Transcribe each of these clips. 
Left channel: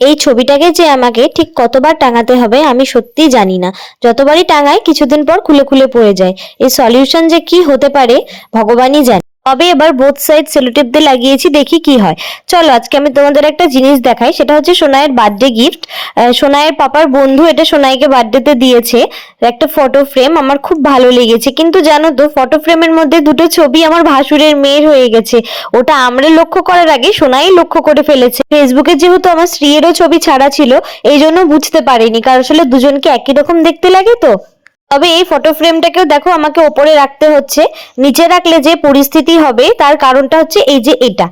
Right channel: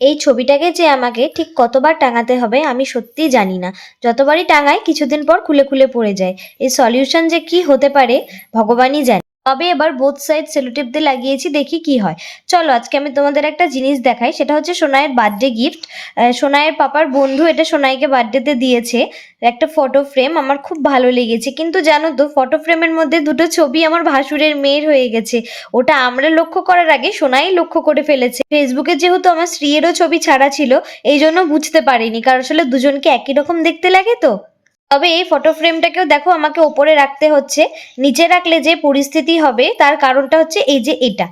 এই ছবিটাকে যে আমাকে ঠিক কতবার টাঙাতে হবে আমি সত্যিই জানি না। যতবারই টাঙাই কিছুদিন পর খুলে খুলে পড়ে যায়। এর সলিউশন যে কি হতে পারে ভগবানই জানে। তবে এবার বোথ সাইড সেলোটেপ দিয়ে লাগিয়েছি, দেখি কি হয়। চলো আজকে আমি তোমাদের একটা জিনিস দেখাই, সেটা হচ্ছে সোনাইয়ের বার্থডে গিফট। সোনাইয়ের পাপার বন্ধু এটা সোনাইকে বার্থডেতে দিয়েছে, একটা ফটো ফ্রেম। আমার খুব ভালো লেগেছে, কিন্তু জানো তো ফটো ফ্রেমের মধ্যে দুটো ছবি আমার ভাসুরের মেয়ের হয়ে গেছে। ওটা আমরা লক্ষ্য করার আগে সোনাই লক্ষ্য করে ফেলেছে। ফেসবুকে যেহেতু আমার স্ত্রীরও ছবি ছাড়া ছিল, এই জন্য বুঝতে পারিনি, কারণ আসলে দুজনকে একই রকম দেখতে লাগে তো। তবে এই ফটো ফ্রেমটাকেও দেখো আমাকে ওপরে রাখতে হচ্ছে, নিচে রাখলে যে পরিস্থিতি হবে তার কারণটা হচ্ছে এই যে এটা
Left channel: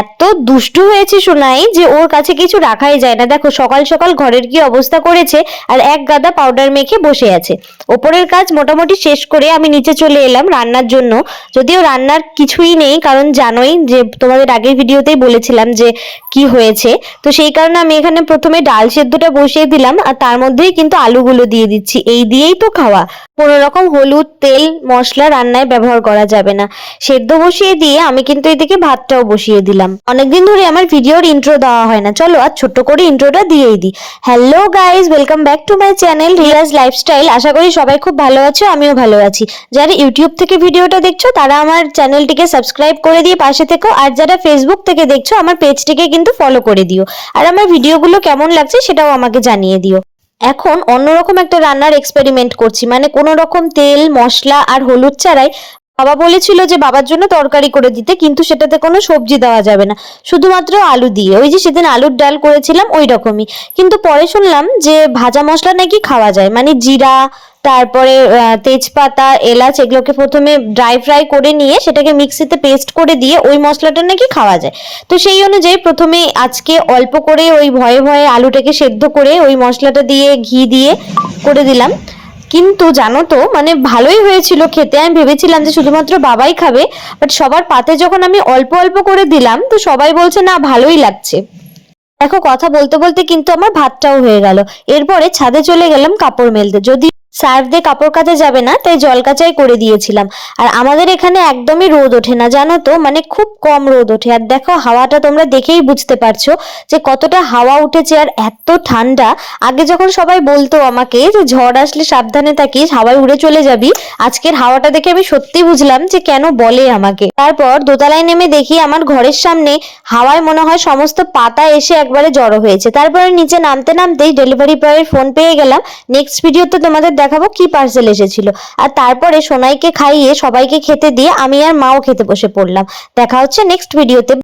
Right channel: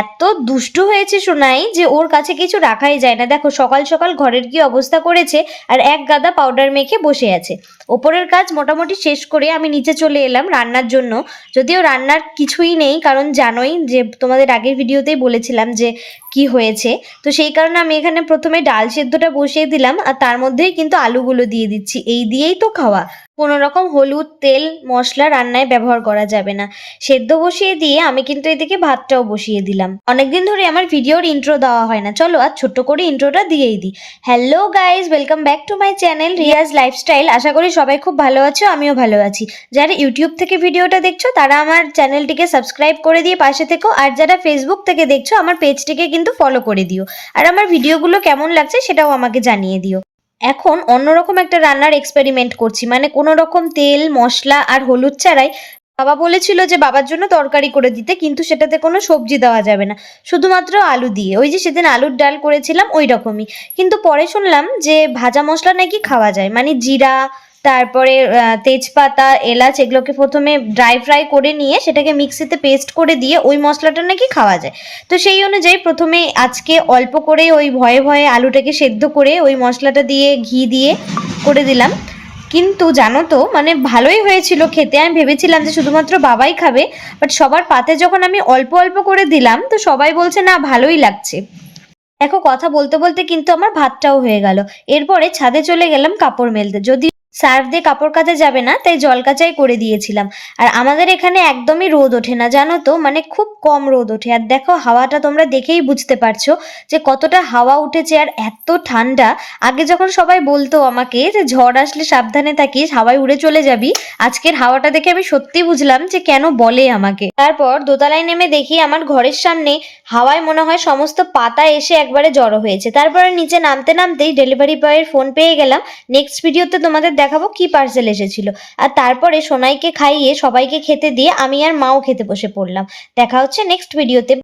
এত দুষ্টু হয়েছে সোনাই যে ওর কাছে কিছু রাখাই যায় না। দেখো সকাল সকাল ঘরের কি অবস্থা করেছে, আর এক গাদা পাউডার মেখে বসে আছে। ওপরের কাজ মোটামুটি শেষ করে আমি নিচে চলে এলাম রান্নার জন্য। যদিও রান্নার কিছুই নেই, কারণ জানোই যে তোমাদের আগের ভিডিওতেই বলেছিলাম যে কি হয়েছে। তো সেই কারণে আমি এখানে প্রথমে ডাল সেদ্ধটা বসিয়ে দিলাম, আর তার মধ্যেই কিন্তু আলুগুলো দিয়ে দিচ্ছি। এই দিয়েই তো খাওয়া, কোনো রকম হলুদ তেল মশলা রান্নায় ব্যবহার করা যাবে না। সেদ্ধ বসিয়ে দিয়ে আমি কিন্তু এদিকে ভাতটাও বসিয়ে দিলাম। অনেকদিন ধরে আমার ভিডিওর ইন্ট্রো দেওয়া হয় না, চলো আজ ছোট্ট করে ইন্ট্রোটা দিয়েই দিই। Hello guys, welcome back to my channel Riaz lifestyle. আশা করি সবাই খুব ভালো আছো, আমিও ভালো আছি। যারা ইউটিউব থেকে ভিডিওটা দেখছো তারা আমার চ্যানেলটিকে সাবস্ক্রাইব করে দিয়ে পাশে থেকো, আর যারা ফেসবুক থেকে দেখছো আমার পেজটিকে কিন্তু ফলো করে দিও। আর আমার ভিডিওগুলো কেমন লাগছে সেটাও আমাকে জানিয়ে দিও। এখন অন্যরকম একটা রান্নার এক্সপেরিমেন্ট করছি, মানে কোনো রকম তেল মশলা আর হলুদ ছাড়াই। বাবা বলেছিল যে বাবার জন্য তরকারি করে দিতে, কিন্তু সেটাতে কোনো সবজি দেওয়া যাবে না, শুধুমাত্র আলু দিয়ে, ওই যে সেদিন আলুর ডাল করেছিলাম ওই রকমই। কিন্তু পরে শুনলাম যে ভাজা মশলা নাকি খাওয়া যায়, মানে জিরা, তারপরে তেজপাতা এলাচ এগুলোকে প্রথমে ড্রাই ফ্রাই করে নিয়ে সেটাকে মিক্সিতে পেস্ট করে দিয়ে ওই মশলাটা নাকি খাওয়া যায়। তো সেই অনুযায়ী প্রথমে আজকে অল্প করে ওই ভয়ে ভয়ে আলুটাকে সেদ্ধ করে ওই মশলাটা দিয়ে ঘি দিয়ে করে দিলাম। কিন্তু জানো তো মানে ভালোই হয়েছিল খেতে। আমি ভেবেছিলাম যে শুধুমাত্র বাবাই খাবে, বাট সবার পাতে যখন আমি অল্প অল্প করে দিলাম তো সবাই বলছে না ভালোই লাগছে। দেখো কথা বলতে বলতে কিন্তু আমার ভাতটাও হয়ে গেল। এরপরে ছাদে চলে গেলাম কাপড় মেলতে, যদি সার্ফ দিয়ে কাপড় কাচা যাবে না তাই জল কাচাই করে দিয়েছিলাম। আর আমাদের এখানে একদমই রোদ ওঠে না জানো তো, মানে খুব কম রোদ ওঠে। আর দেখো হাওয়াটা তোমরা দেখেই বুঝতে পারছো যে কতটা হাওয়া উঠেছে, আর এত ঠান্ডা। আগে যখন সবাই বলতো আমাকে যে ঝড় আসলে সাবধানে থাকিস, হাওয়ায় উড়ে চলে যাবি, আজকের হাওয়াটা দেখে আমি সত্যি বুঝলাম যে কেন বলে আমাকে। তারপর দোতলায় নেমে দেখি আমার ঘরের সামনে হাওয়ায় মনে হয় সমস্ত পাতা এসে একবারে জড়ো হয়েছে। তারপরে নিচে নামতে নামতেই ডেলিভারি বয়ের ফোন পেয়ে গেলাম। নেক্সট ভিডিওতে তোমাদের দেখাবো কি পার্সেল এসেছিল। আর তারপরে সোনাইকে খাইয়ে সবাইকে খেতে দিয়ে আমি আর মাও খেতে বসে পড়লাম। দেখা হচ্ছে নেক্সট ভিডিওতে।